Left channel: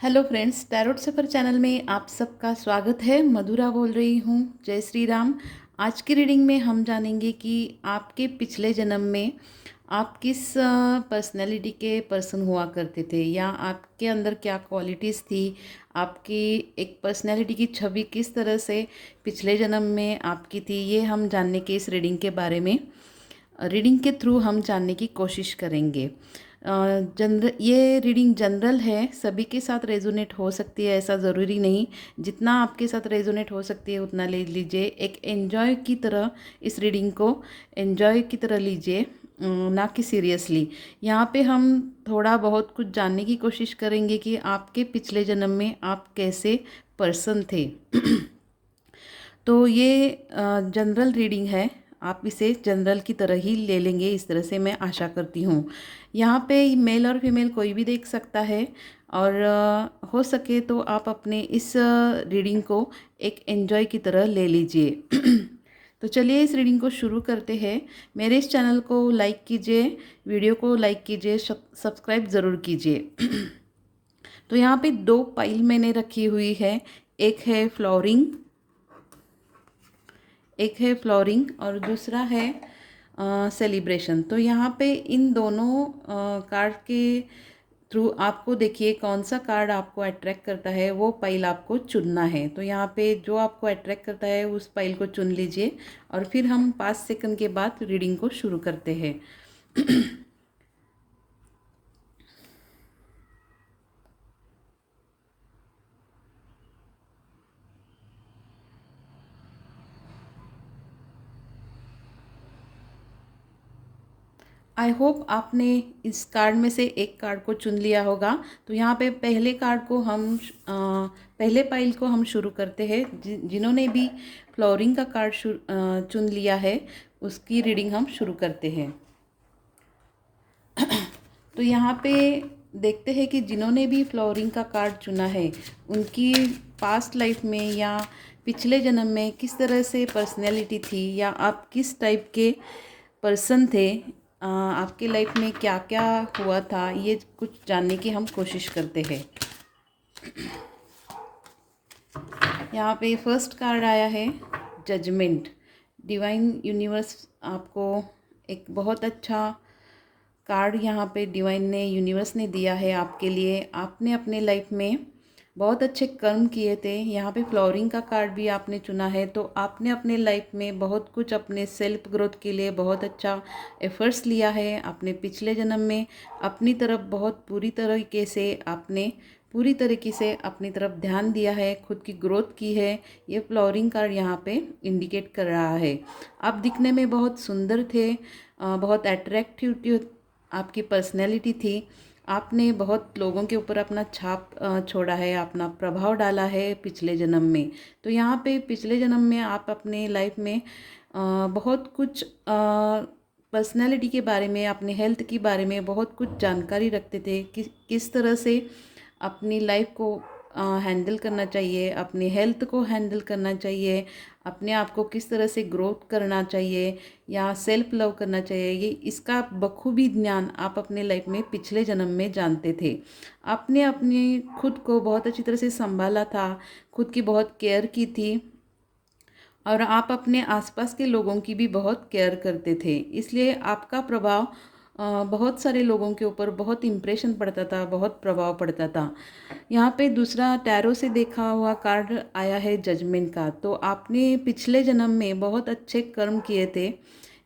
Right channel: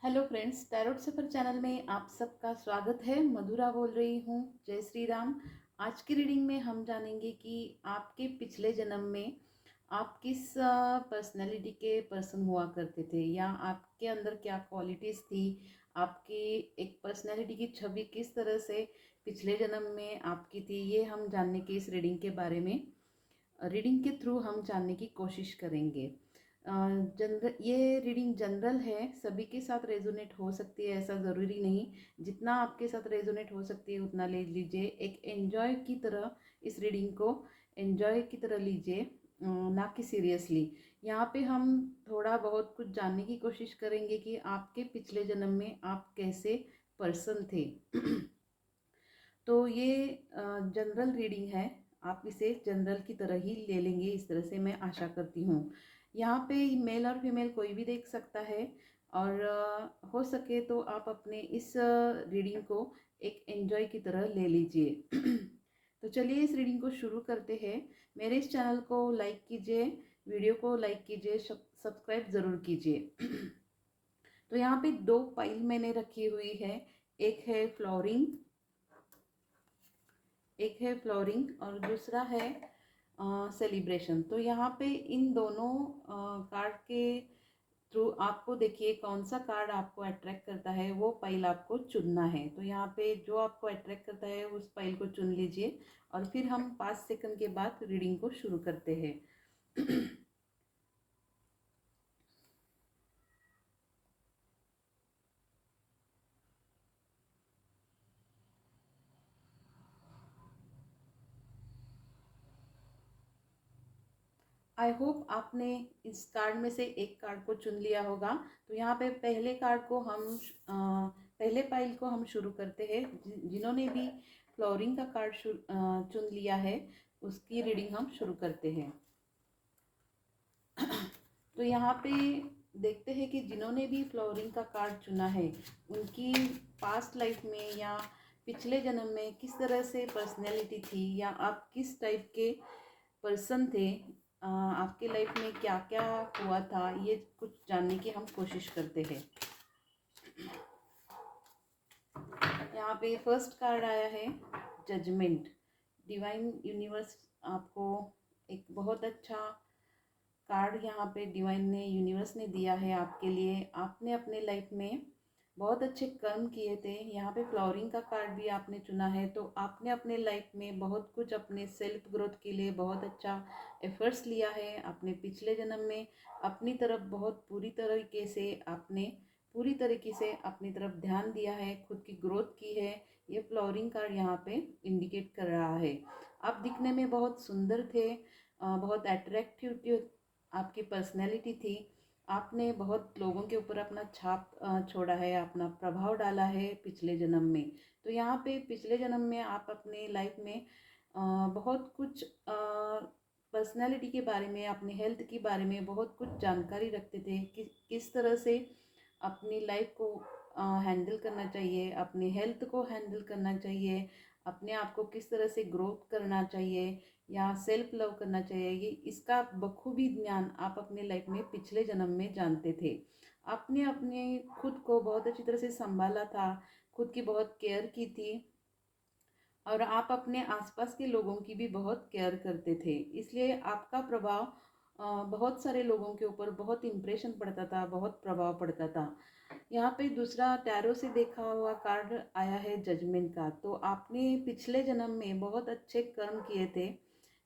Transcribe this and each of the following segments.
Hello friends, tarot सफ़र channel में आप सबका स्वागत है। मधुरा बोल रही हूँ। जय श्री राम। आज की रीडिंग में हम जानेंगे कि आपके पिछले जन्म में आप किस पर्सनैलिटी के पर्सन हुआ करते थे, या आपके अंदर क्या क्वालिटीज़ थी। आपकी एक पर्सनैलिटी की छवि किस तरह से पिछले जन्म में आपकी थी, ये हम जानने के इस रीडिंग के बारे में रीडिंग के थ्रू हम जानने की कोशिश करेंगे। ये रीडिंग जनरल है, सभी के साथ रेजोनेट हो सकती है, ऐसा ज़रूरी नहीं। जितना आपके साथ रेजोनेट हो सकती है उतना ले लीजिए। एक एन्जॉय की तरह इस रीडिंग को एन्जॉय की तरह लीजिए, ना कि सीरियसली। यहाँ पे हम थोड़ा बहुत कुछ जानने की कोशिश करेंगे कि आपके पिछले जन्म में आप कैसे पर्सन थे। तो ये जनरल रीडिंग है, आप इसे जनरल की तरह ही ले लेंगे, इस तरह से मैं आशा करती हूँ। यहाँ पे मेल और फीमेल कोई भी देख सकता है, और हो सके तो आप अपने इस रीडिंग को एक एन्जॉय की तरह ले लीजिए। तो चलिए इस रीडिंग को शुरू करते हैं। मेरे इस चैनल को लाइक कीजिए, वीडियो को लाइक कीजिए, सब्सक्राइब ज़रूर कीजिए। तो यहाँ पे दो पाइल मैंने रखी हुई है। एक है फ्लोरिंग, और दूसरा है सेलिब्रेशन। तो यहाँ पे इन दोनों कार्ड के थ्रू आपको देखिए कौन सा कार्ड आपको अट्रैक्ट करता है, वो पाइल आपको चुनना है। तो यहाँ पे जो आपको अट्रैक्ट करता है उस पाइल को चुन लीजिए, और फिर हम 5 सेकंड के बाद रीडिंग को शुरू करते हैं। आई होप आपने इस कार्ड में से एक कार्ड को चुन लिया होगा। तो यहाँ पे पहले कार्ड को हम पहले पाइल को हम शुरू करते हैं। जिन्होंने भी फ्लोरिंग का कार्ड चुन लिया है उसकी रीडिंग हम शुरू करते हैं। तो यहाँ पे देखते हैं कि जिन्होंने भी फ्लोरिंग का कार्ड चुना है उनकी पास्ट लाइफ में या पिछले जन्म में किस तरह से पर्सनैलिटी थी, या आप किस टाइप के पर्सन थे, आपके लाइफ में क्या क्या हुआ था, ये कुछ जानने की हम कोशिश करते हैं। यहाँ पे फर्स्ट कार्ड आया है जजमेंट। डिवाइन यूनिवर्स आपको एक बहुत अच्छा कार्ड यहाँ पे डिवाइन ने यूनिवर्स ने दिया है आपके लिए। आपने अपने लाइफ में बहुत अच्छे कर्म किए थे। यहाँ पे फ्लोरिंग का कार्ड भी आपने चुना है, तो आपने अपने लाइफ में बहुत कुछ अपने सेल्फ ग्रोथ के लिए बहुत अच्छा एफर्ट्स लिया है। आपने पिछले जन्म में अपनी तरफ बहुत पूरी तरीके से अपनी तरफ ध्यान दिया है, खुद की ग्रोथ की है। ये फ्लोरिंग कार्ड यहाँ पे इंडिकेट कर रहा है। आप दिखने में बहुत सुंदर थे, बहुत अट्रैक्टिव आपकी पर्सनैलिटी थी। आपने बहुत लोगों के ऊपर अपना छाप छोड़ा है, अपना प्रभाव डाला है पिछले जन्म में। तो यहाँ पे पिछले जन्म में आप अपने लाइफ में बहुत कुछ पर्सनैलिटी के बारे में, अपने हेल्थ के बारे में बहुत कुछ जानकारी रखते थे कि किस तरह से अपनी लाइफ को हैंडल करना चाहिए, अपनी हेल्थ को हैंडल करना चाहिए, अपने आप को किस तरह से ग्रोथ करना चाहिए या सेल्फ लव करना चाहिए। ये इसका बखूबी ज्ञान आप अपने लाइफ में पिछले जन्म में जानते थे। आपने अपने खुद को बहुत अच्छी तरह से संभाला था, खुद की बहुत केयर की थी, और आप अपने आसपास के लोगों की भी बहुत केयर करते थे। इसलिए आपका प्रभाव बहुत सारे लोगों के ऊपर बहुत इम्प्रेशन पड़ता था, बहुत प्रभाव पड़ता था। यहाँ पे दूसरा टैरो से देखा हुआ कार्ड आया है जजमेंट का। तो आपने पिछले जन्म में बहुत अच्छे कर्म किए थे।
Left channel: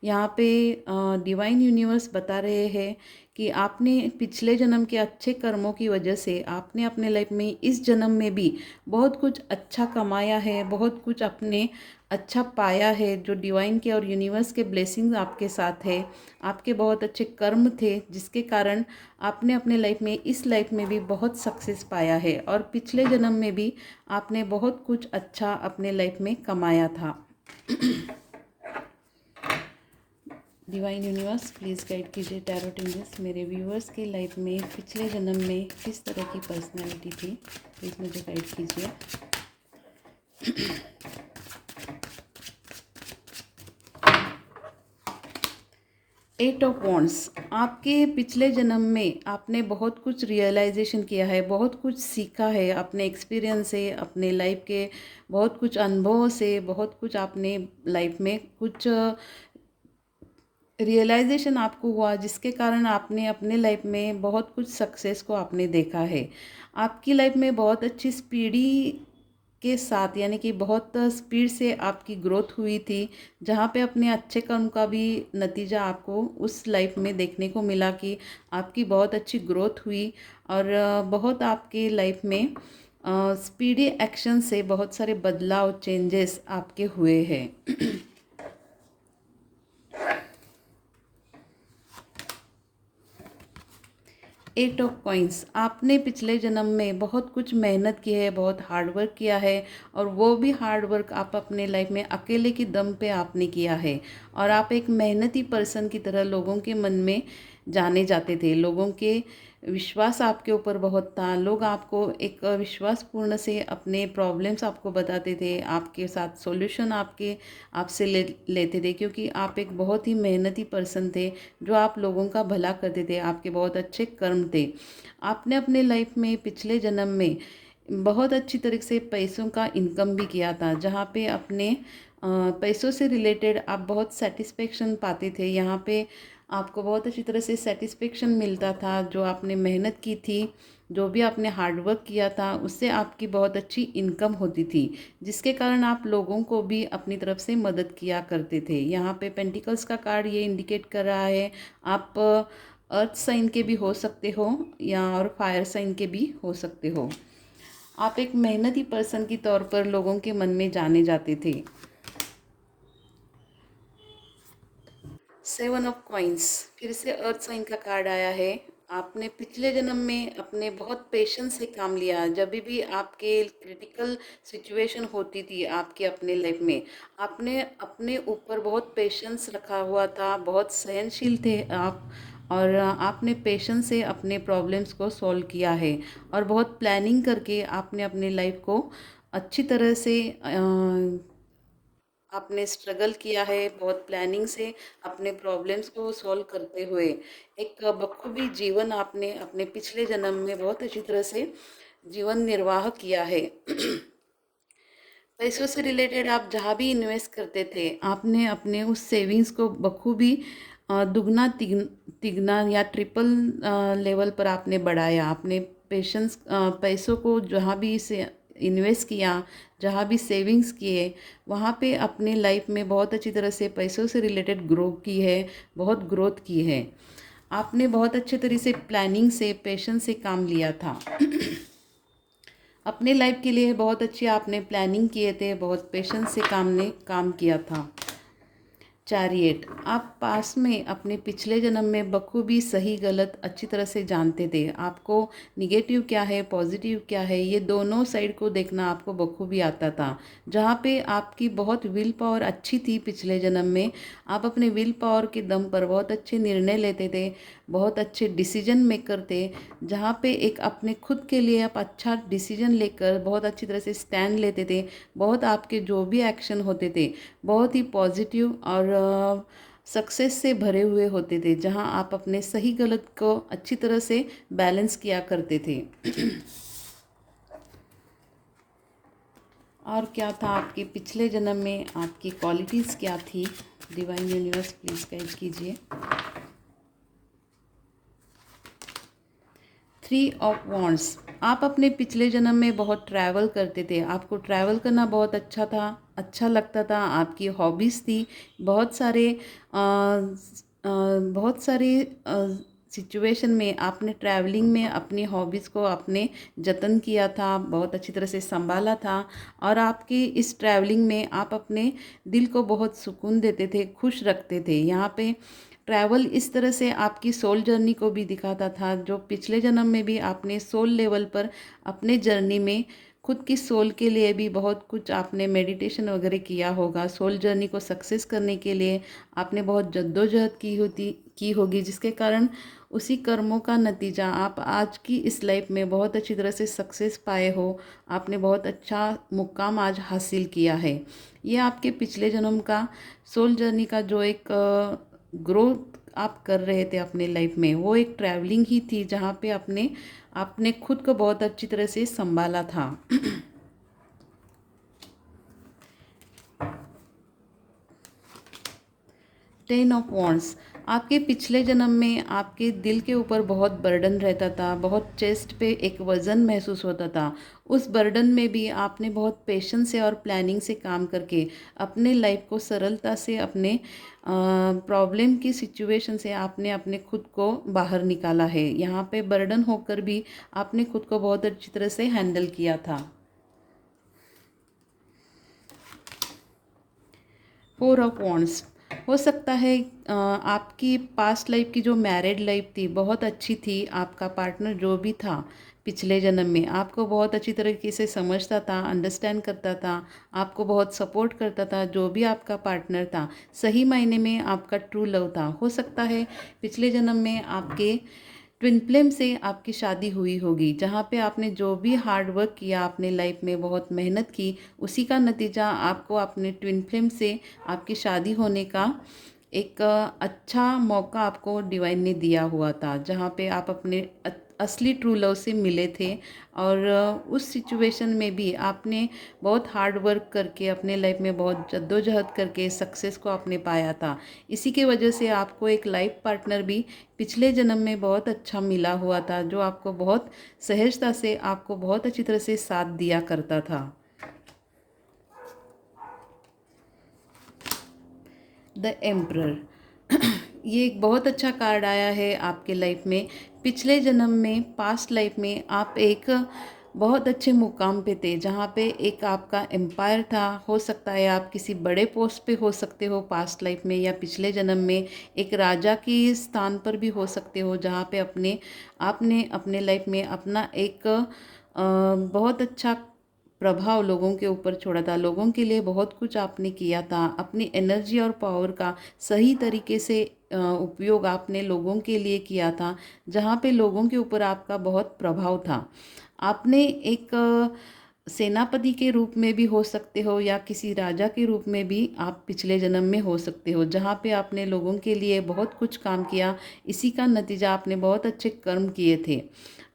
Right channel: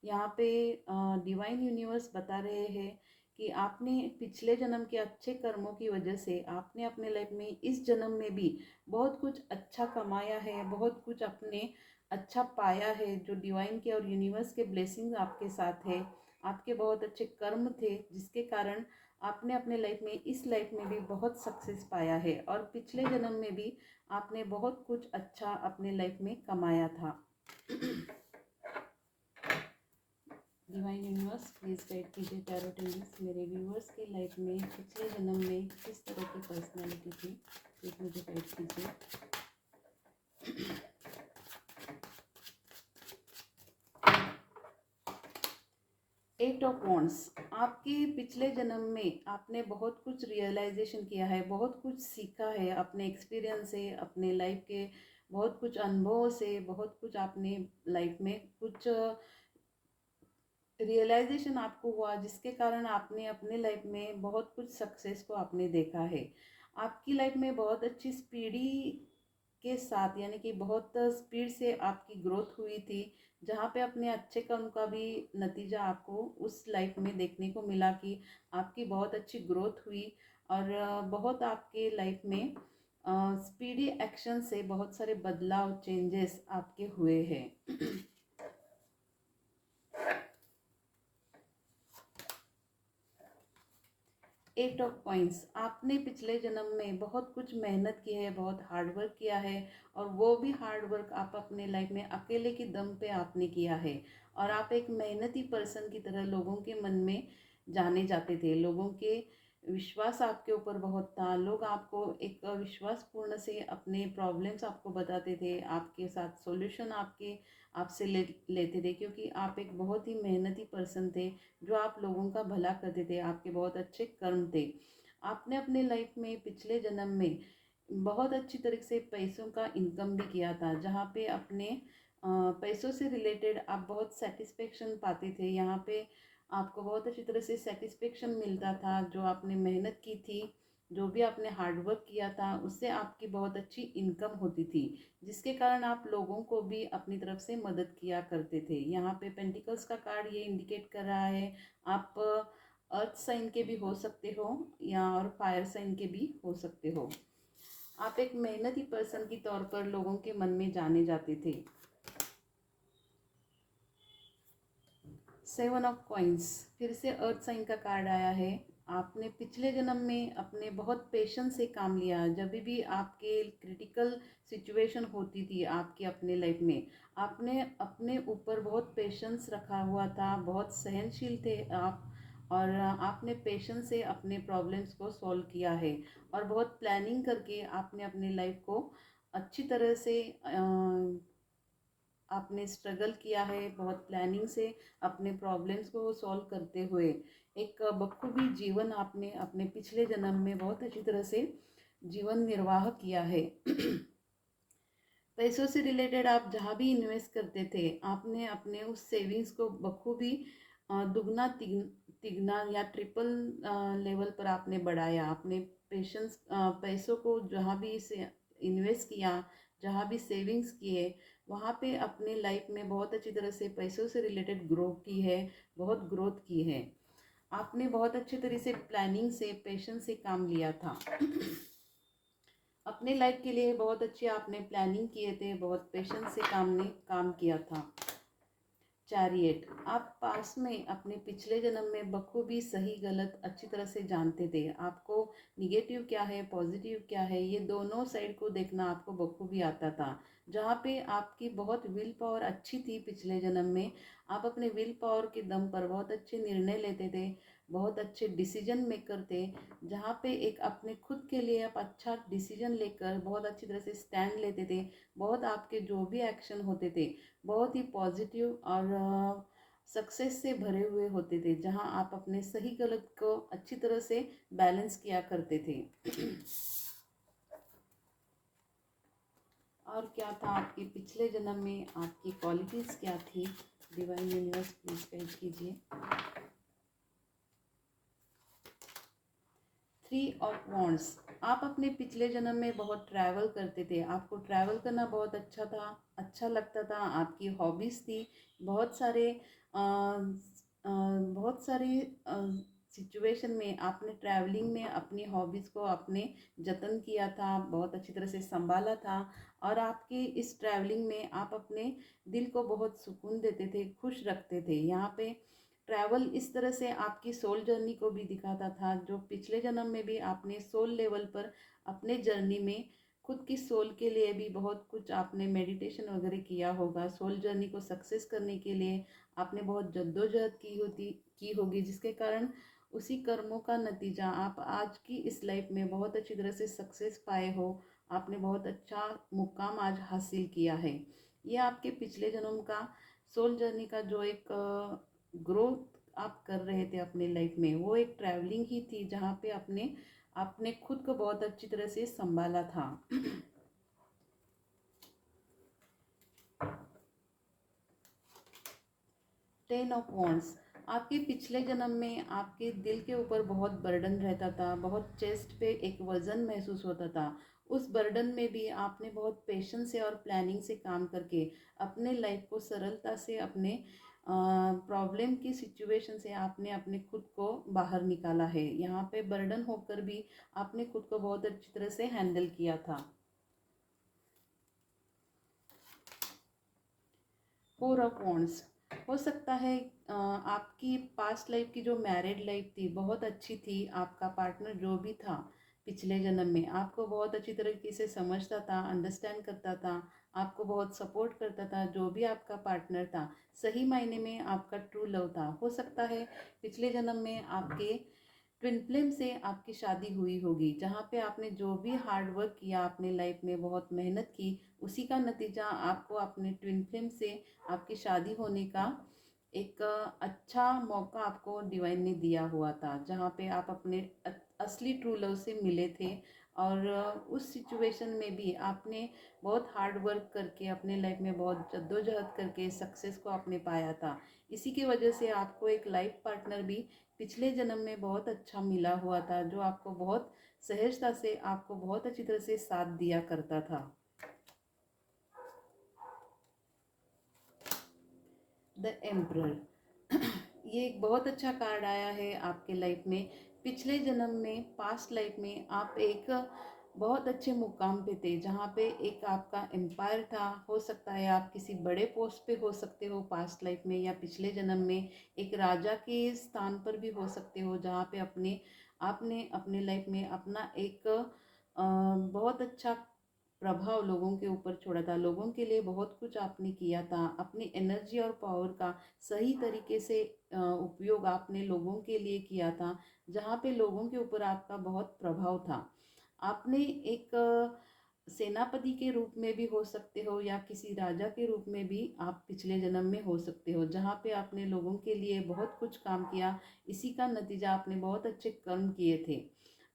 यहाँ पे डिवाइन यूनिवर्स बता रहे हैं कि आपने पिछले जन्म के अच्छे कर्मों की वजह से आपने अपने लाइफ में इस जन्म में भी बहुत कुछ अच्छा कमाया है, बहुत कुछ अपने अच्छा पाया है। जो डिवाइन के और यूनिवर्स के ब्लेसिंग्स आपके साथ है, आपके बहुत अच्छे कर्म थे जिसके कारण आपने अपने लाइफ में इस लाइफ में भी बहुत सक्सेस पाया है, और पिछले जन्म में भी आपने बहुत कुछ अच्छा अपने लाइफ में कमाया था। डिवाइन यूनिवर्स प्लीज़ गाइड कीजिए टैरोट एंजल्स, मेरे व्यूअर्स के लाइफ में पिछले जन्म में किस तरह की पर्सनैलिटी थी, प्लीज़ मुझे गाइड कीजिए। एट ऑफ वॉन्ड्स, आपके पिछले जन्म में आपने बहुत कुछ रियलाइजेशन किया है, बहुत कुछ सीखा है अपने एक्सपीरियंस से, अपने लाइफ के बहुत कुछ अनुभवों से, बहुत कुछ आपने लाइफ में कुछ रियलाइजेशन आपको हुआ, जिसके कारण आपने अपने लाइफ में बहुत कुछ सक्सेस को आपने देखा है। आपकी लाइफ में बहुत अच्छी स्पीडी के साथ, यानी कि बहुत स्पीड से आपकी ग्रोथ हुई थी, जहाँ पे अपने अच्छे कर्म का भी नतीजा आपको उस लाइफ में देखने को मिला कि आपकी बहुत अच्छी ग्रोथ हुई। और बहुत आपके लाइफ में स्पीडी एक्शन से बहुत सारे बदलाव, चेंजेस आपके हुए हैं। एट ऑफ कॉइंस, आपने पिछले जन्म में बहुत कुछ मेहनत की है, बहुत हार्ड वर्क किया है, और वो भी हार्ड वर्क आप अपने लाइफ में अकेले की दम पे आपने किया है। और आप एक मेहनती पर्सन की तरह लोगों के मन में जाने जाते थे, लोगों के विश्वास आपके ऊपर बहुत था, लोग आपको एक विश्वासपूर्ण से अपने प्रॉब्लम्स आपको बताते थे, आपके साथ सॉल्यूशन आपसे लेते थे, क्योंकि आप एक बहुत ही मेहनती पर्सन थे, जो आप लोगों का भला करते थे, आपके बहुत अच्छे कर्म थे। आपने अपने लाइफ में पिछले जन्म में बहुत अच्छी तरीके से पैसों का इनकम भी किया था, जहाँ पे अपने पैसों से रिलेटेड आप बहुत सेटिस्फेक्शन पाते थे। यहाँ पे आपको बहुत अच्छी तरह से सेटिस्फेक्शन मिलता था, जो आपने मेहनत की थी, जो भी आपने हार्ड वर्क किया था, उससे आपकी बहुत अच्छी इनकम होती थी, जिसके कारण आप लोगों को भी अपनी तरफ से मदद किया करते थे। यहाँ पे पेंटिकल्स का कार्ड ये इंडिकेट कर रहा है, आप अर्थ साइन के भी हो सकते हो या और फायर साइन के भी हो सकते हो। आप एक मेहनती पर्सन की तौर पर लोगों के मन में जाने जाते थे। सेवन ऑफ कॉइंस, फिर से अर्थ साइन का कार्ड आया है। आपने पिछले जन्म में अपने बहुत पेशेंस से काम लिया, जब भी आपके क्रिटिकल सिचुएशन होती थी आपके अपने लाइफ में, आपने अपने ऊपर बहुत पेशेंस रखा हुआ था, बहुत सहनशील थे आप, और आपने पेशेंस से अपने प्रॉब्लम्स को सॉल्व किया है, और बहुत प्लानिंग करके आपने अपने लाइफ को अच्छी तरह से आपने स्ट्रगल किया है, बहुत प्लानिंग से अपने प्रॉब्लम्स को सॉल्व करते हुए एक बखूबी जीवन आपने अपने पिछले जन्म में बहुत अच्छी तरह से जीवन निर्वाह किया है। पैसों से रिलेटेड आप जहाँ भी इन्वेस्ट करते थे, आपने अपने उस सेविंग्स को बखूबी दुगना तिगना या ट्रिपल लेवल पर आपने बढ़ाया। आपने पैसों को जहाँ भी से इन्वेस्ट किया, जहाँ भी सेविंग्स किए, वहाँ पे अपने लाइफ में बहुत अच्छी तरह से पैसों से रिलेटेड ग्रो की है, बहुत ग्रोथ की है। आपने बहुत अच्छे तरीके से प्लानिंग से, पेशेंस से काम लिया था। अपने लाइफ के लिए बहुत अच्छी आपने प्लानिंग किए थे, बहुत पेशेंस से काम किया था। चैरियट, आप पास में अपने पिछले जन्म में बखूबी सही गलत अच्छी तरह से जानते थे। आपको निगेटिव क्या है, पॉजिटिव क्या है, ये दोनों साइड को देखना आपको बखूबी आता था। जहाँ पे आपकी बहुत विल पावर अच्छी थी पिछले जन्म में, आप अपने विल पावर के दम पर बहुत अच्छे निर्णय लेते थे, बहुत अच्छे डिसीजन मेकर थे। जहाँ पे एक अपने खुद के लिए आप अच्छा डिसीजन लेकर बहुत अच्छी तरह से स्टैंड लेते थे। बहुत आपके जो भी एक्शन होते थे बहुत ही पॉजिटिव और सक्सेस से भरे हुए होते थे, जहां आप अपने सही गलत को अच्छी तरह से बैलेंस किया करते थे। और क्या था आपके पिछले जन्म में, आपकी क्वालिटीज़ क्या थी? डिवाइन यूनिवर्स प्लीज़ गाइड कीजिए। थ्री ऑफ वॉन्ड्स, आप अपने पिछले जन्म में बहुत ट्रैवल करते थे, आपको ट्रैवल करना बहुत अच्छा था, अच्छा लगता था, आपकी हॉबीज़ थी। बहुत सारे बहुत सारे सिचुएशन में आपने ट्रैवलिंग में अपनी हॉबीज़ को आपने जतन किया था, बहुत अच्छी तरह से संभाला था। और आपकी इस ट्रैवलिंग में आप अपने दिल को बहुत सुकून देते थे, खुश रखते थे। यहाँ पे ट्रैवल इस तरह से आपकी सोल जर्नी को भी दिखाता था, जो पिछले जन्म में भी आपने सोल लेवल पर अपने जर्नी में खुद की सोल के लिए भी बहुत कुछ आपने मेडिटेशन वगैरह किया होगा। सोल जर्नी को सक्सेस करने के लिए आपने बहुत जद्दोजहद की होगी, जिसके कारण उसी कर्मों का नतीजा आप आज की इस लाइफ में बहुत अच्छी तरह से सक्सेस पाए हो। आपने बहुत अच्छा मुकाम आज हासिल किया है। ये आपके पिछले जन्म का सोल जर्नी का जो एक ग्रोथ आप कर रहे थे अपने लाइफ में, वो एक ट्रैवलिंग ही थी जहाँ पे आपने आपने खुद को बहुत अच्छी तरह से संभाला था। 10 ऑफ वॉन्ड्स, आपके पिछले जन्म में आपके दिल के ऊपर बहुत बर्डन रहता था, बहुत चेस्ट पे एक वज़न महसूस होता था। उस बर्डन में भी आपने बहुत पेशेंस से और प्लानिंग से काम करके अपने लाइफ को सरलता से अपने प्रॉब्लम की सिचुएशन से आपने अपने खुद को बाहर निकाला है। यहाँ पे बर्डन होकर भी आपने खुद को बहुत अच्छी तरह से हैंडल किया था। 4 ऑफ वॉन्ड्स, हो सकता है आपकी पास्ट लाइफ की जो मैरिड लाइफ थी बहुत अच्छी थी। आपका पार्टनर जो भी था पिछले जन्म में आपको बहुत अच्छी तरीके से समझता था, अंडरस्टैंड करता था, आपको बहुत सपोर्ट करता था। जो भी आपका पार्टनर था सही मायने में आपका ट्रू लव था। हो सकता है पिछले जन्म में आपके ट्विन फ्लेम से आपकी शादी हुई होगी, जहाँ पे आपने जो भी हार्ड वर्क किया, आपने लाइफ में बहुत मेहनत की, उसी का नतीजा आपको अपने ट्विन फ्लेम से आपकी शादी होने का एक अच्छा मौका आपको डिवाइन ने दिया हुआ था, जहाँ पे आप अपने असली ट्रू लव से मिले थे। और उस सिचुएशन में भी आपने बहुत हार्ड वर्क करके अपने लाइफ में बहुत जद्दोजहद करके सक्सेस को आपने पाया था। इसी के वजह से आपको एक लाइफ पार्टनर भी पिछले जन्म में बहुत अच्छा मिला हुआ था, जो आपको बहुत सहजता से आपको बहुत अच्छी तरह से साथ दिया करता था। द एम्परर, ये एक बहुत अच्छा कार्ड आया है आपके लाइफ में। पिछले जन्म में, पास्ट लाइफ में आप एक बहुत अच्छे मुकाम पे थे, जहाँ पे एक आपका एम्पायर था। हो सकता है आप किसी बड़े पोस्ट पे हो सकते हो पास्ट लाइफ में, या पिछले जन्म में एक राजा की स्थान पर भी हो सकते हो, जहाँ पे आपने अपने लाइफ में अपना एक बहुत अच्छा प्रभाव लोगों के ऊपर छोड़ा था। लोगों के लिए बहुत कुछ आपने किया था। अपनी एनर्जी और पावर का सही तरीके से उपयोग आपने लोगों के लिए किया था, जहाँ पे लोगों के ऊपर आपका बहुत प्रभाव था। आपने एक सेनापति के रूप में भी हो सकते हो, या किसी राजा के रूप में भी आप पिछले जन्म में हो सकते हो, जहाँ पे आपने लोगों के लिए बहुत कुछ काम किया। इसी का नतीजा आपने बहुत अच्छे कर्म किए थे।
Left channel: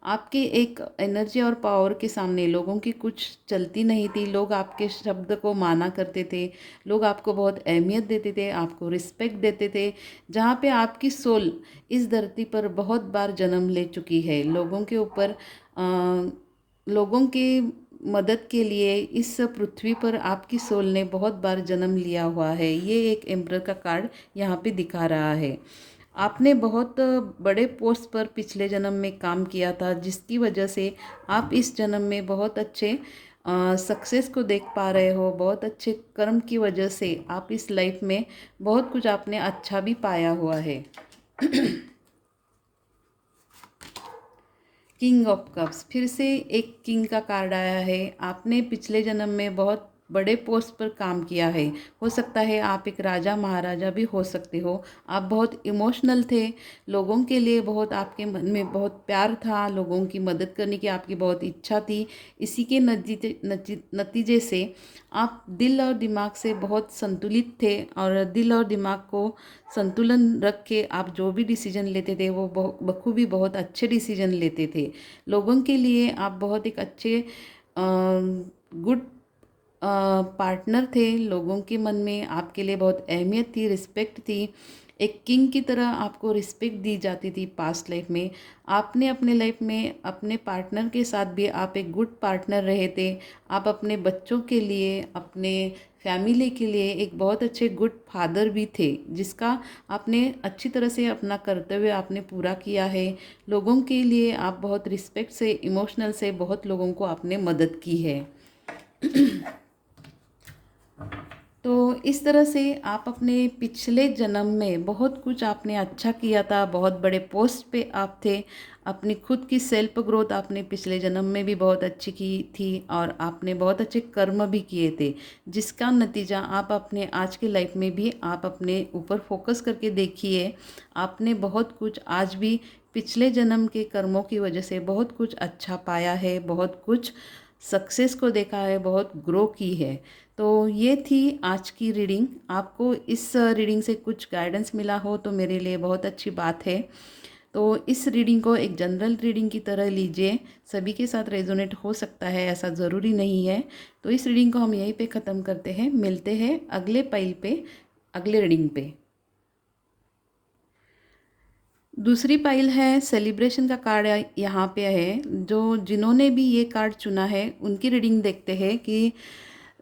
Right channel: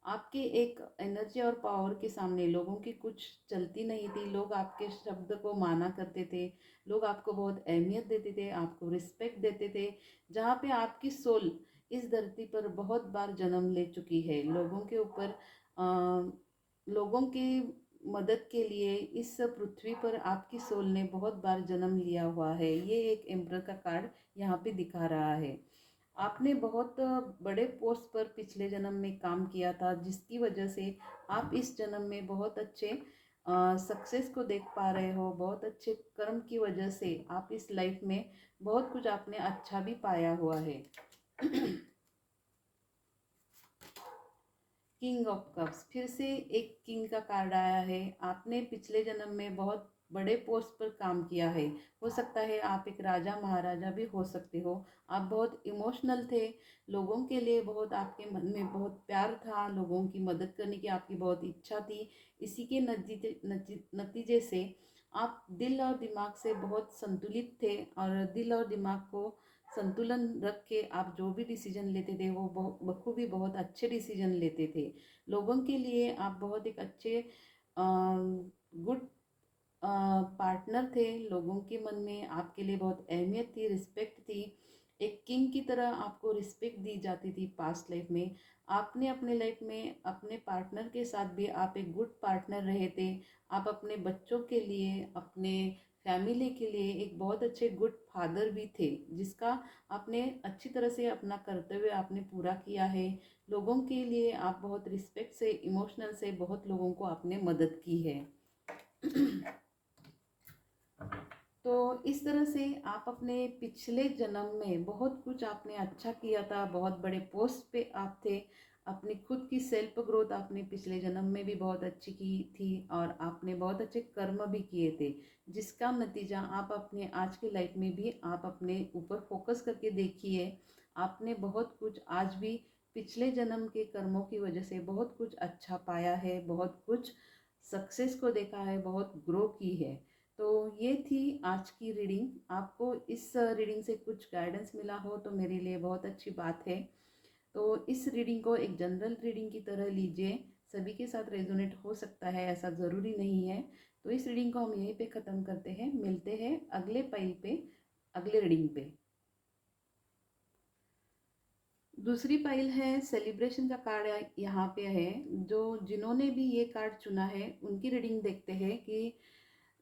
आपके एक एनर्जी और पावर के सामने लोगों की कुछ चलती नहीं थी। लोग आपके शब्द को माना करते थे, लोग आपको बहुत अहमियत देते थे, आपको रिस्पेक्ट देते थे। जहाँ पे आपकी सोल इस धरती पर बहुत बार जन्म ले चुकी है, लोगों के ऊपर लोगों की मदद के लिए इस पृथ्वी पर आपकी सोल ने बहुत बार जन्म लिया हुआ है। ये एक एम्परर का कार्ड यहाँ पे दिखा रहा है। आपने बहुत बड़े पोस्ट पर पिछले जन्म में काम किया था, जिसकी वजह से आप इस जन्म में बहुत अच्छे सक्सेस को देख पा रहे हो। बहुत अच्छे कर्म की वजह से आप इस लाइफ में बहुत कुछ आपने अच्छा भी पाया हुआ है। किंग ऑफ कप्स, फिर से एक किंग का कार्ड आया है। आपने पिछले जन्म में बहुत बड़े पोस्ट पर काम किया है। हो सकता है आप एक राजा महाराजा भी हो सकते हो। आप बहुत इमोशनल थे, लोगों के लिए बहुत आपके मन में बहुत प्यार था, लोगों की मदद करने की आपकी बहुत इच्छा थी। इसी के नतीजे से आप दिल और दिमाग से बहुत संतुलित थे, और दिल और दिमाग को संतुलन रख के आप जो भी डिसीजन लेते थे वो बखूबी बहुत अच्छे डिसीजन लेते थे। लोगों के लिए आप बहुत एक अच्छे गुड पार्टनर थे। लोगों के मन में आपके लिए बहुत अहमियत थी, रिस्पेक्ट थी। एक किंग की तरह आपको रिस्पेक्ट दी जाती थी पास्ट लाइफ में। आपने अपने लाइफ में अपने पार्टनर के साथ भी आप एक गुड पार्टनर रहे थे। आप अपने बच्चों के लिए, अपने फैमिली के लिए एक बहुत अच्छे गुड फादर भी थे, जिसका आपने अच्छी तरह से अपना कर्तव्य आपने पूरा किया है। लोगों के लिए आप बहुत रिस्पेक्ट से, इमोशनल से बहुत लोगों को आपने मदद की है। तो इस तरह से आप अपने पिछले जन्म में बहुत कुछ आपने अच्छा किया था, बहुत बड़े पोस्ट पे आप थे। अपनी खुद की सेल्फ ग्रोथ आपने पिछले जन्म में भी बहुत अच्छी की थी, और आपने बहुत अच्छे कर्म भी किए थे, जिसका नतीजा आप अपने आज के लाइफ में भी आप अपने ऊपर फोकस करके देखिए। आपने बहुत कुछ आज भी पिछले जन्म के कर्मों की वजह से बहुत कुछ अच्छा पाया है, बहुत कुछ सक्सेस को देखा है, बहुत ग्रो की है। तो ये थी आज की रीडिंग। आपको इस रीडिंग से कुछ गाइडेंस मिला हो तो मेरे लिए बहुत अच्छी बात है। तो इस रीडिंग को एक जनरल रीडिंग की तरह लीजिए, सभी के साथ रेजोनेट हो सकता है, ऐसा ज़रूरी नहीं है। तो इस रीडिंग को हम यहीं पे ख़त्म करते हैं, मिलते हैं अगले पाइल पे, अगले रीडिंग पे। दूसरी पाइल है सेलिब्रेशन का कार्ड यहाँ पे है। जो जिन्होंने भी ये कार्ड चुना है उनकी रीडिंग देखते हैं कि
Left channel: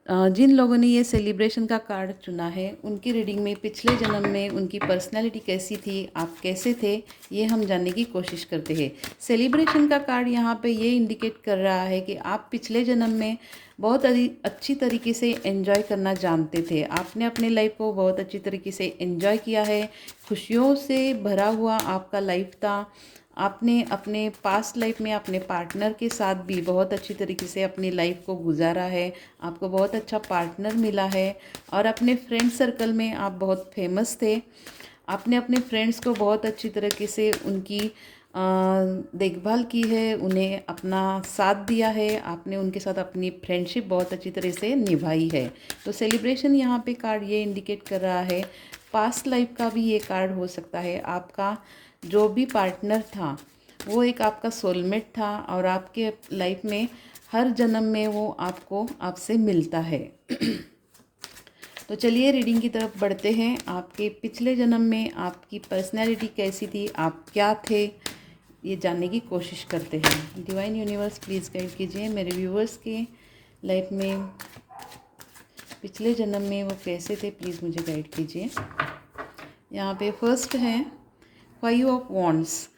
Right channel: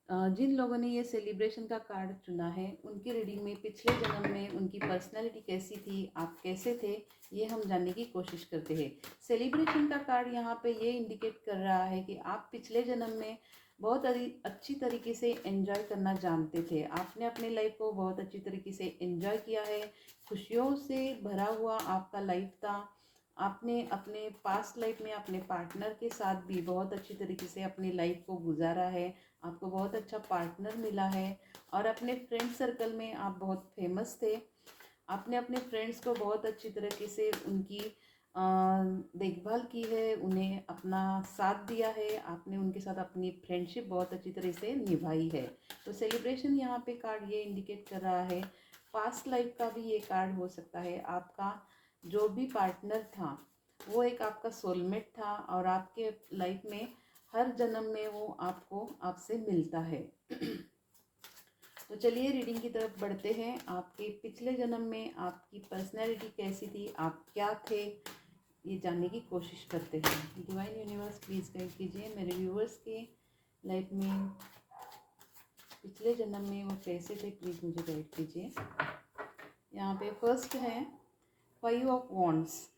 जिन लोगों ने ये सेलिब्रेशन का कार्ड चुना है उनकी रीडिंग में पिछले जन्म में उनकी पर्सनैलिटी कैसी थी, आप कैसे थे, ये हम जानने की कोशिश करते हैं। सेलिब्रेशन का कार्ड यहाँ पे ये इंडिकेट कर रहा है कि आप पिछले जन्म में बहुत अच्छी तरीके से एंजॉय करना जानते थे। आपने अपने लाइफ को बहुत अच्छी तरीके से एंजॉय किया है, खुशियों से भरा हुआ आपका लाइफ था। आपने अपने पास्ट लाइफ में अपने पार्टनर के साथ भी बहुत अच्छी तरीके से अपनी लाइफ को गुजारा है, आपको बहुत अच्छा पार्टनर मिला है। और अपने फ्रेंड सर्कल में आप बहुत फेमस थे। आपने अपने फ्रेंड्स को बहुत अच्छी तरीके से उनकी देखभाल की है, उन्हें अपना साथ दिया है, आपने उनके साथ अपनी फ्रेंडशिप बहुत अच्छी तरह से निभाई है। तो सेलिब्रेशन यहाँ पे कार्ड ये इंडिकेट कर रहा है। पास्ट लाइफ का भी ये कार्ड हो सकता है। आपका जो भी पार्टनर था वो एक आपका सोलमेट था और आपके लाइफ में हर जन्म में वो आपसे मिलता है। तो चलिए रीडिंग की तरफ बढ़ते हैं। आपके पिछले जन्म में आपकी पर्सनैलिटी कैसी थी, आप क्या थे, ये जानने की कोशिश करते हैं। डिवाइन यूनिवर्स प्लीज़ गाइड कीजिए मेरे व्यूवर्स के लाइफ में पिछले जन्म में वो कैसे थे, प्लीज़ मुझे गाइड कीजिए। यहाँ पे फर्स्ट है 5 ऑफ वॉन्ड्स।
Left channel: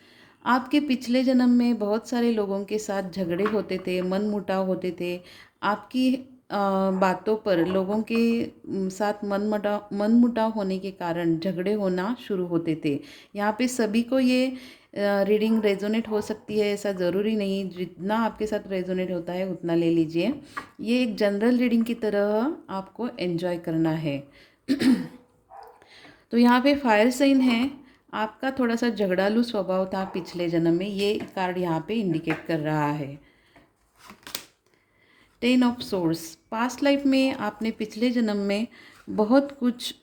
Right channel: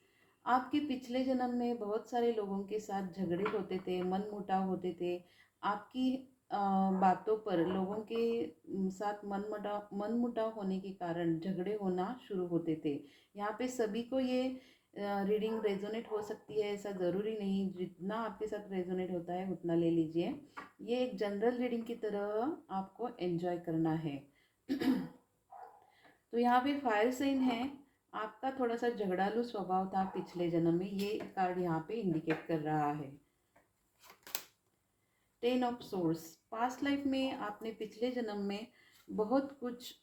आपके पिछले जन्म में बहुत सारे लोगों के साथ झगड़े होते थे, मन मुटाव होते थे। आपकी बातों पर लोगों के साथ मन मुटाव होने के कारण झगड़े होना शुरू होते थे। यहाँ पे सभी को ये रीडिंग रेजोनेट हो सकती है, ऐसा ज़रूरी नहीं। जितना आपके साथ रेजोनेट होता है उतना ले लीजिए। ये एक जनरल रीडिंग की तरह आपको एंजॉय करना है। तो यहाँ पे फायर साइन है। आपका थोड़ा सा झगड़ालू स्वभाव था पिछले जन्म में, ये कार्ड यहाँ पे इंडिकेट कर रहा है। 10 ऑफ सोर्स। पास्ट लाइफ में आपने पिछले जन्म में बहुत कुछ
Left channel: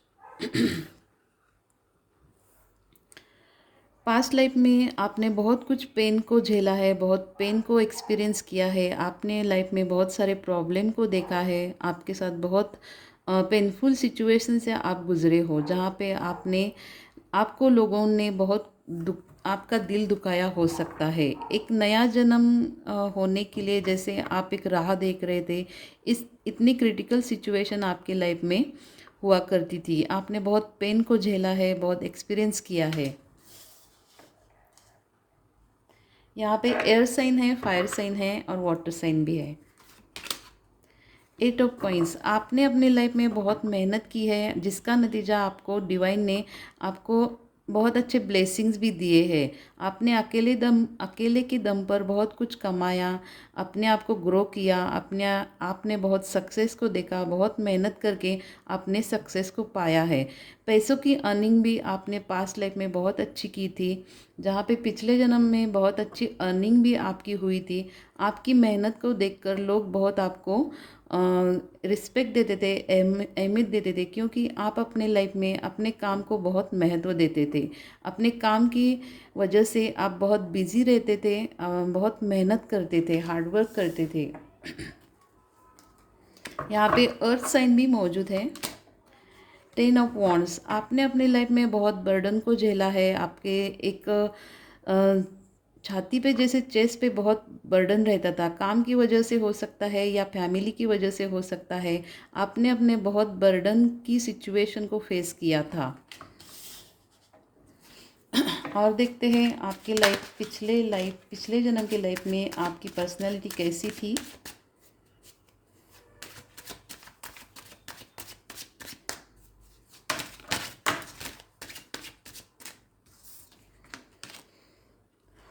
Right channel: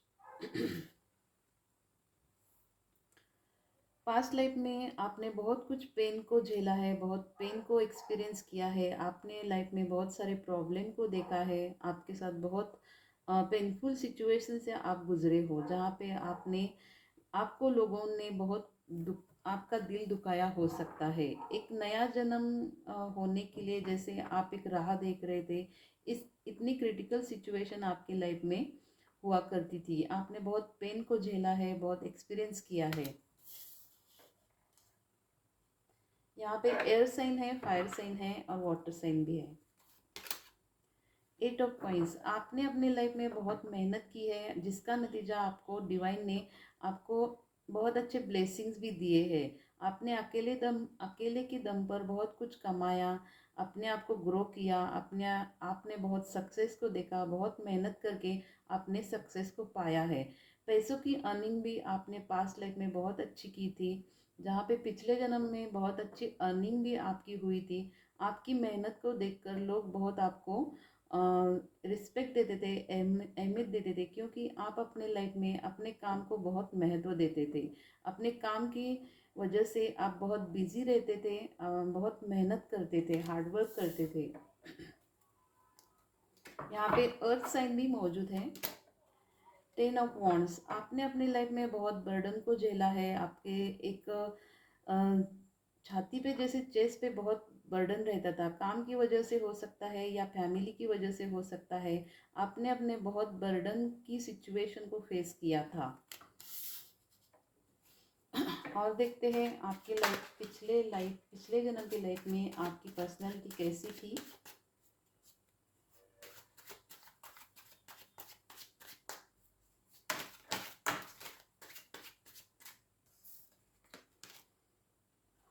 पास्ट लाइफ में आपने बहुत कुछ पेन को झेला है, बहुत पेन को एक्सपीरियंस किया है। आपने लाइफ में बहुत सारे प्रॉब्लम को देखा है। आपके साथ बहुत पेनफुल सिचुएशन से आप गुजरे हो, जहाँ पे आपको लोगों ने बहुत आपका दिल दुखाया हो सकता है। एक नया जन्म होने के लिए जैसे आप एक राह देख रहे थे, इस इतनी क्रिटिकल सिचुएशन आपके लाइफ में हुआ करती थी। आपने बहुत पेन को झेला है, बहुत एक्सपीरियंस किया है। यहाँ पे एयर साइन है, फायर साइन है और वाटर साइन भी है। 8 ऑफ कॉइंस। आपने अपनी लाइफ में बहुत मेहनत की है, जिसका नतीजा आपको डिवाइन ने आपको बहुत अच्छे ब्लेसिंग्स भी दिए हैं। आपने अकेले के दम पर बहुत कुछ कमाया, अपने आप को ग्रो किया, आपने बहुत सक्सेस को देखा, बहुत मेहनत करके आपने सक्सेस को पाया है। पैसों की अर्निंग भी आपने पास्ट लाइफ में बहुत अच्छी की थी, जहाँ पे पिछले जन्म में बहुत अच्छी अर्निंग भी आपकी हुई थी। आपकी मेहनत को देखकर लोग बहुत आपको रिस्पेक्ट देते थे, अहमियत देते थे, क्योंकि आप अपने लाइफ में अपने काम को बहुत महत्व देते थे। अपने काम की वजह से आप बहुत बिजी रहते थे, बहुत मेहनत करते थे, हार्डवर्क करते थे। यहाँ पे अर्थ साइन भी मौजूद है। 10 ऑफ वॉन्ड्स। आपने अपने लाइफ में बहुत बर्डन को झेला है। आपके एक छाती पे जैसे चेस्ट पे बहुत बर्डन रहता था, काम की वजह से हो सकता है या फैमिली की वजह से हो सकता है। आपने अपने बहुत बर्डन की सिचुएशन को फेस किया था। और देखते हैं आपकी पिछले जन्म की लाइफ में आपकी पर्सनैलिटी कैसी थी।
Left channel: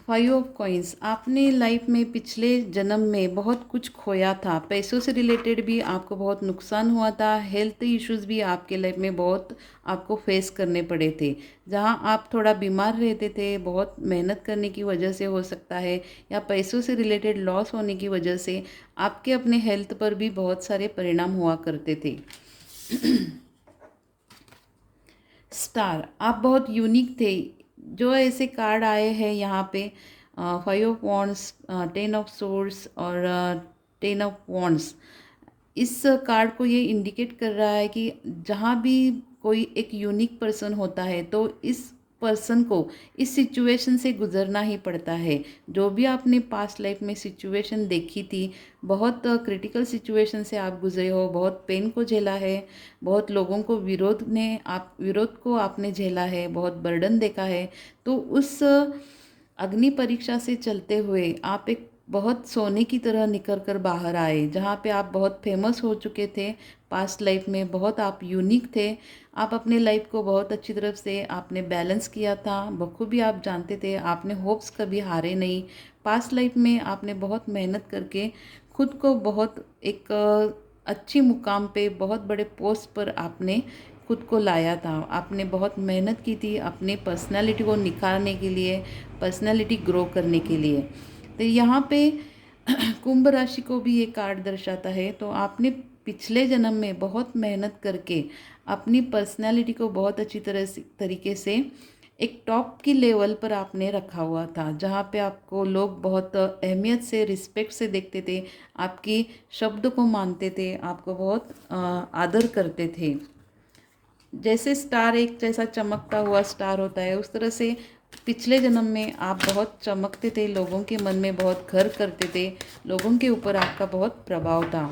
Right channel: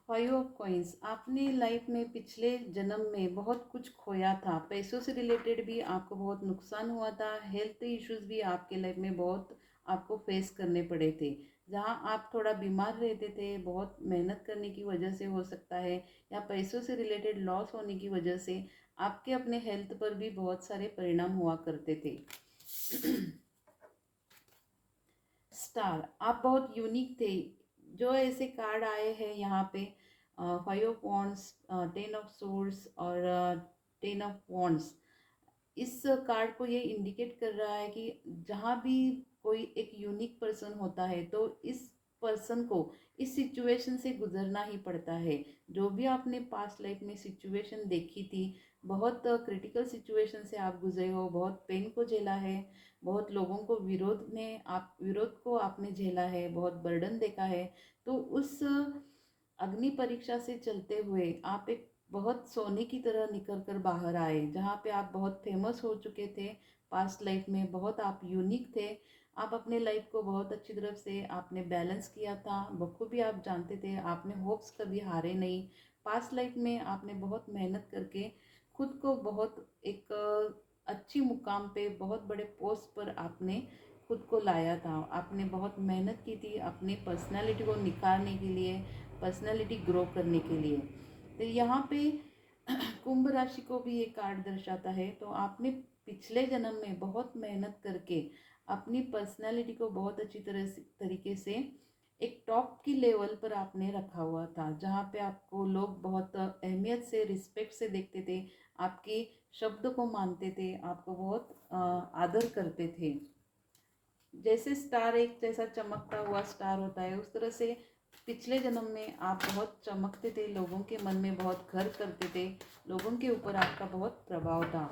फाइव ऑफ कॉइंस, आपने लाइफ में पिछले जन्म में बहुत कुछ खोया था, पैसों से रिलेटेड भी आपको बहुत नुकसान हुआ था, हेल्थ इश्यूज भी आपके लाइफ में बहुत आपको फेस करने पड़े थे। जहां आप थोड़ा बीमार रहते थे, बहुत मेहनत करने की वजह से हो सकता है, या पैसों से रिलेटेड लॉस होने की वजह से आपके अपने हेल्थ पर भी बहुत सारे परिणाम हुआ करते थे। स्टार, आप बहुत यूनिक थे। जो ऐसे कार्ड आए हैं यहाँ पे, five of wands, ten of source और टेन ऑफ वॉन्ड्स, इस कार्ड को ये इंडिकेट कर रहा है कि जहाँ भी कोई एक यूनिक पर्सन होता है तो इस पर्सन को इस सिचुएशन से गुजरना ही पड़ता है। जो भी आपने पास्ट लाइफ में सिचुएशन देखी थी, बहुत क्रिटिकल सिचुएशन से आप गुजरे हो, बहुत पेन को झेला है, बहुत लोगों को विरोध को आपने झेला है, बहुत बर्डन देखा है। तो उस अग्नि परीक्षा से चलते हुए आप एक बहुत सोने की तरह निकल कर बाहर आए, जहाँ पे आप बहुत फेमस हो चुके थे पास्ट लाइफ में, बहुत आप यूनिक थे। आप अपने लाइफ को बहुत अच्छी तरफ से आपने बैलेंस किया था, बखूबी आप जानते थे, आपने होप्स कभी हारे नहीं। पास्ट लाइफ में आपने बहुत मेहनत करके खुद को बहुत एक अच्छी मुकाम पे, बहुत बड़े पोस्ट पर आपने खुद को लाया था। आपने बहुत मेहनत की थी अपने पर्सनालिटी को निखारने के लिए, पर्सनालिटी ग्रो करने के लिए। तो यहाँ पे कुंभ राशि को भी ये कार्ड दर्शाता है। तो आपने पिछले जन्म में बहुत मेहनत करके अपनी पर्सनालिटी को बहुत अच्छी तरीके से एक टॉप की लेवल पर आपने रखा हुआ था, जहाँ पे आपको लोग बहुत अहमियत से, रिस्पेक्ट से देखते थे, आपकी शब्द को मानते थे, आपको बहुत आदर करते थे। जैसे स्टार एक जैसा चमकता हुआ स्टार होता है, उस तरह से पिछले जन्म में आप बहुत चमकते थे, लोगों के मन में बहुत घर करते थे, लोगों के ऊपर आपका बहुत प्रभाव था।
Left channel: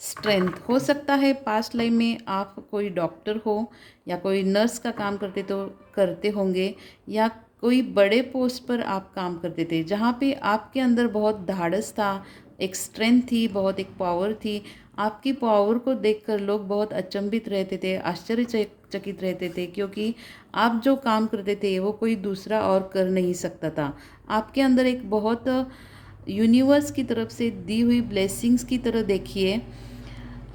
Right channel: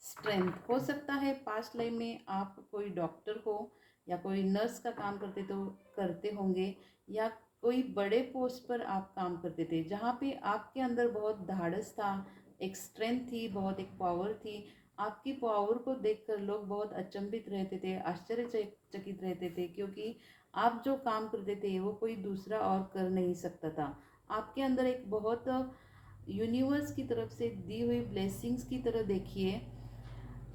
स्ट्रेंथ, हो सकता है पास्ट लाइफ में आप कोई डॉक्टर हो या कोई नर्स का काम करते होंगे, या कोई बड़े पोस्ट पर आप काम करते थे, जहाँ पे आपके अंदर बहुत धाड़स था, एक स्ट्रेंथ थी, बहुत एक पावर थी। आपकी पावर को देखकर लोग बहुत अचंभित रहते थे, आश्चर्यचकित रहते थे, क्योंकि आप जो काम करते थे वो कोई दूसरा और कर नहीं सकता था। आपके अंदर एक बहुत यूनिवर्स की तरफ से दी हुई ब्लेसिंग्स की तरह देखिए,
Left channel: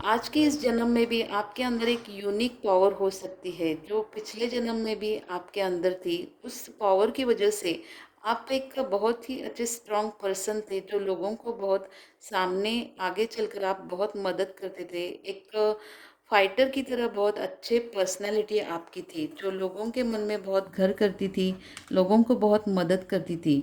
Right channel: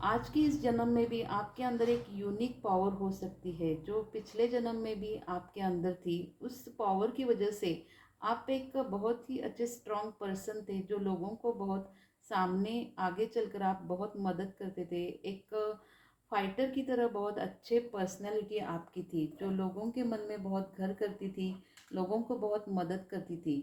आज के इस जन्म में भी आपके अंदर एक यूनिक पावर हो सकती है, जो पिछले जन्म में भी आपके अंदर थी। उस पावर की वजह से आप एक बहुत ही अच्छे स्ट्रॉन्ग पर्सन थे, जो लोगों को बहुत सामने आगे चलकर आप बहुत मदद करते थे। एक फाइटर की तरह बहुत अच्छे पर्सनालिटी आपकी थी, जो लोगों के मन में बहुत घर करती थी, लोगों को बहुत मदद करती थी।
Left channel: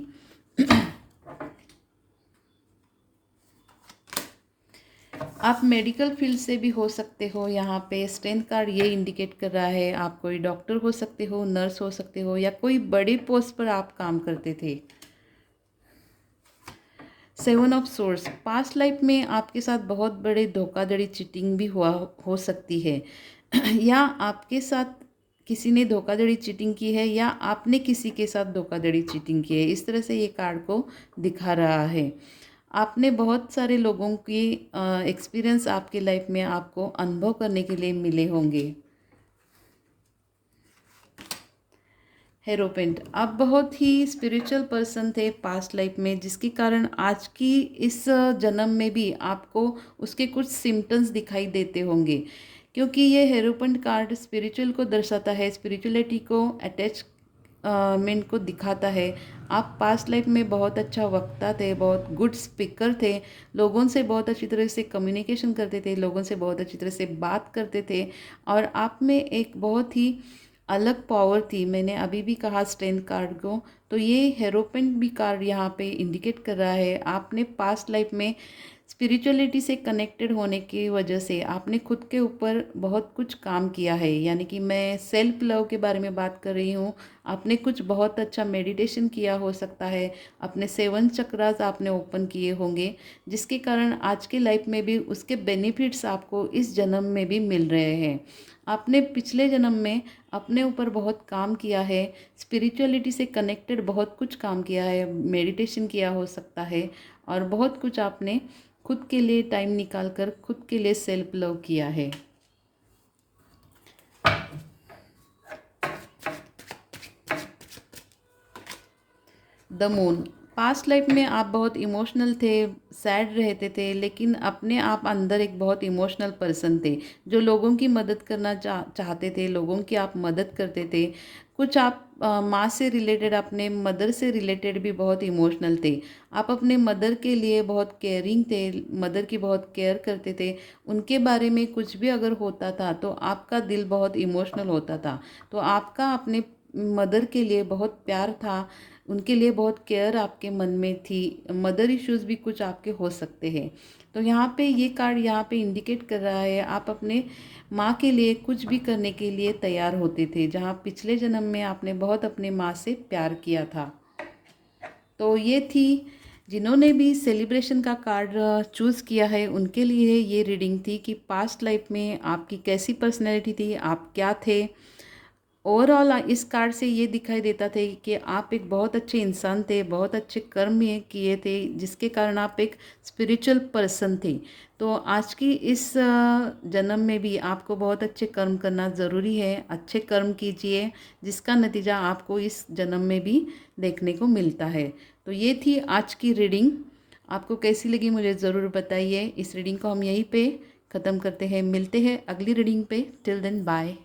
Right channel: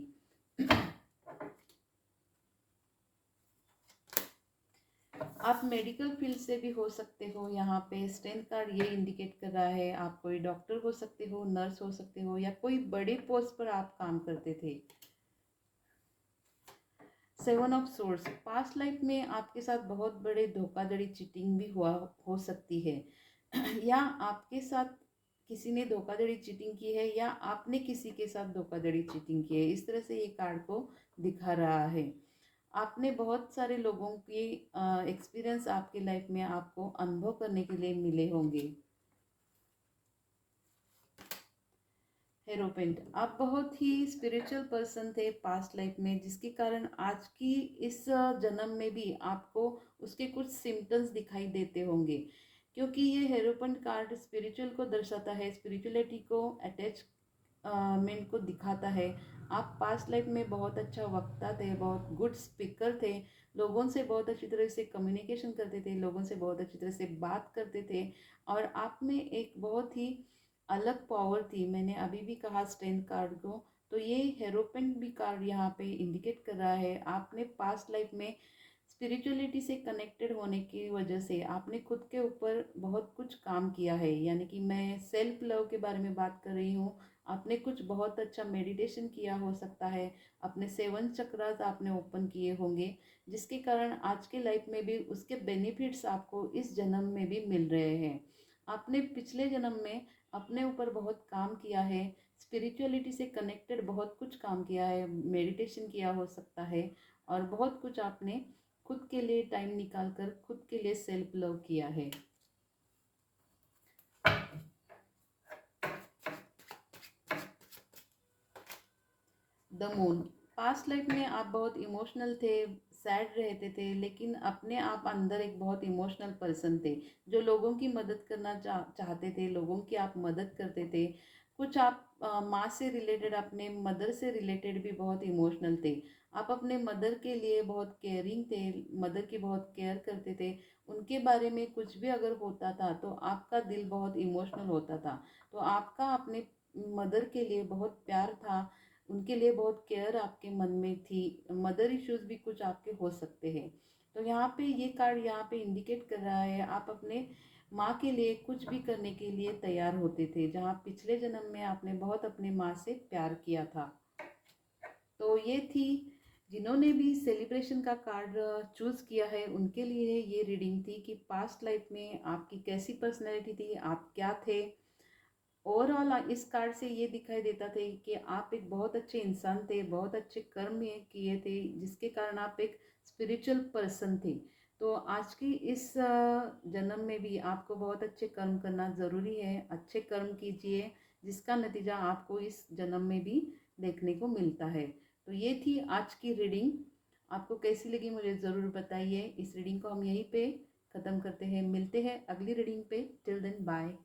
आप मेडिकल फील्ड से भी हो सकते हो। यहाँ पे स्ट्रेंथ कार्ड ये इंडिकेट कर रहा है, आप कोई डॉक्टर हो सकते हो, नर्स हो सकते हो, या कोई बड़ी पोस्ट पर आप काम करते थे। Seven of source, past life में आपके साथ बहुत बड़े धोखाधड़ी, चीटिंग भी हुआ हो सकती है या आपके साथ किसी ने धोखाधड़ी चीटिंग की है, या आपने किसी के साथ धोखाधड़ी चीटिंग की है। इस तरह से ये कार्ड को दिखा रहा है। आपने बहुत सारे लोगों की एक्सपीरियंस आपके लाइफ में आपको अनुभव करने के लिए मिले होंगे। हेरोपेंट, आप बहुत ही स्पिरिचुअल पर्सन थे पास्ट लाइफ में, जिसके कारण आज की इस जन्म में भी आपको उसके कुछ सिम्टम्स दिखाई देते होंगे, क्योंकि ये हेरोपेंट कार्ड स्पिरिचुअल को दर्शाता है, स्पिरिचुअलिटी को अटैचमेंट को दिखाता है। आप पास्ट लाइफ में बहुत अच्छा वक्ता थे, बहुत गुड स्पीकर थे, लोगों से बहुत अच्छी तरह से कम्युनिकेशन करते थे, लोगों से बहुत अच्छी तरह से बात करते थे, और आप में एक बहुत ही अलग पावर थी। मैंने अभी भी कहा स्ट्रेंथ कार्ड को, तो ये हेरोपेंट भी कार्ड यहाँ पे इंडिकेट कर रहा है, आपने पास्ट लाइफ में स्पिरिचुअलिटी से कनेक्टेड होने की वजह से आपने खुद के ऊपर बहुत कुछ काम किया है। यानी कि मैं सेल्फ लव के बारे में बात कर रही हूँ। आपने कुछ बहुत अच्छा मेडिटेशन किया हो सकता है, अपने 7 चक्रास आपने ओपन किए होंगे, जिसके कारण आज के लाइफ में भी उसके बेनिफिट्स आपको इस जन्म में भी मिल रहे हैं। आपने पिछले जन्म में अपने ऊपर बहुत काम किया है, स्पिरिचुअलिटी से कनेक्टेड बहुत कुछ काम किया है, मेडिटेशन किया हो सकता है, और बहुत कुछ आपने खुद के लिए टाइम निकाल कर खुद के लिए सेल्फ लव किया है। द मून, पास्ट लाइफ में आप बहुत इमोशनल थे, सैड रहते थे, लेकिन अपने आप अंदर एक बहुत इमोशनल पर्सन थे जो लोगों की मदद करना चाहते थे, लोगों की आप मदद करते थे। कुछ आप माँ से रिलेटेड, अपने मदर से रिलेटेड भी बहुत इमोशनल थे। आप अपने मदर के लिए बहुत केयरिंग थे, मदर की बहुत केयर करते थे। उनके बारे में कुछ भी अगर होता था तो आपका दिल बहुत इमोशनल होता था। तो आपका अपने मदर के लिए बहुत प्यार था, उनके लिए बहुत केयर आपके मन में थी। मदर इश्यूज़ भी कुछ आपके हो सकते हैं। तो यहाँ पे ये कार्ड यहाँ पे इंडिकेट कर रहा है आप अपने माँ के लिए कुछ भी करने के लिए तैयार होते थे, जहाँ पिछले जन्म में आपने बहुत अपने माँ से प्यार किया था। तो ये थी, जिन्होंने भी सेलिब्रेशन का कार्ड चूज़ किया है उनके लिए ये रीडिंग थी कि पास्ट लाइफ में आपकी कैसी पर्सनैलिटी थी, आप क्या थे। ओवरऑल इस कार्ड से ये दिखाई देता था कि आप एक बहुत अच्छे इंसान थे, बहुत अच्छे कर्म ये किए थे, जिसके कारण आप एक स्पिरिचुअल पर्सन थे। तो आज की इस जन्म में भी आपको बहुत अच्छे कर्म करना ज़रूरी है। अच्छे कर्म कीजिए, जिसका नतीजा आपको इस जन्म में भी देखने को मिलता है। तो ये थी आज की रीडिंग। आपको कैसी लगी मुझे ज़रूर बताइए। इस रीडिंग को हम यहीं पे ख़त्म करते हैं, मिलते हैं अगली रीडिंग पे। Till then bye.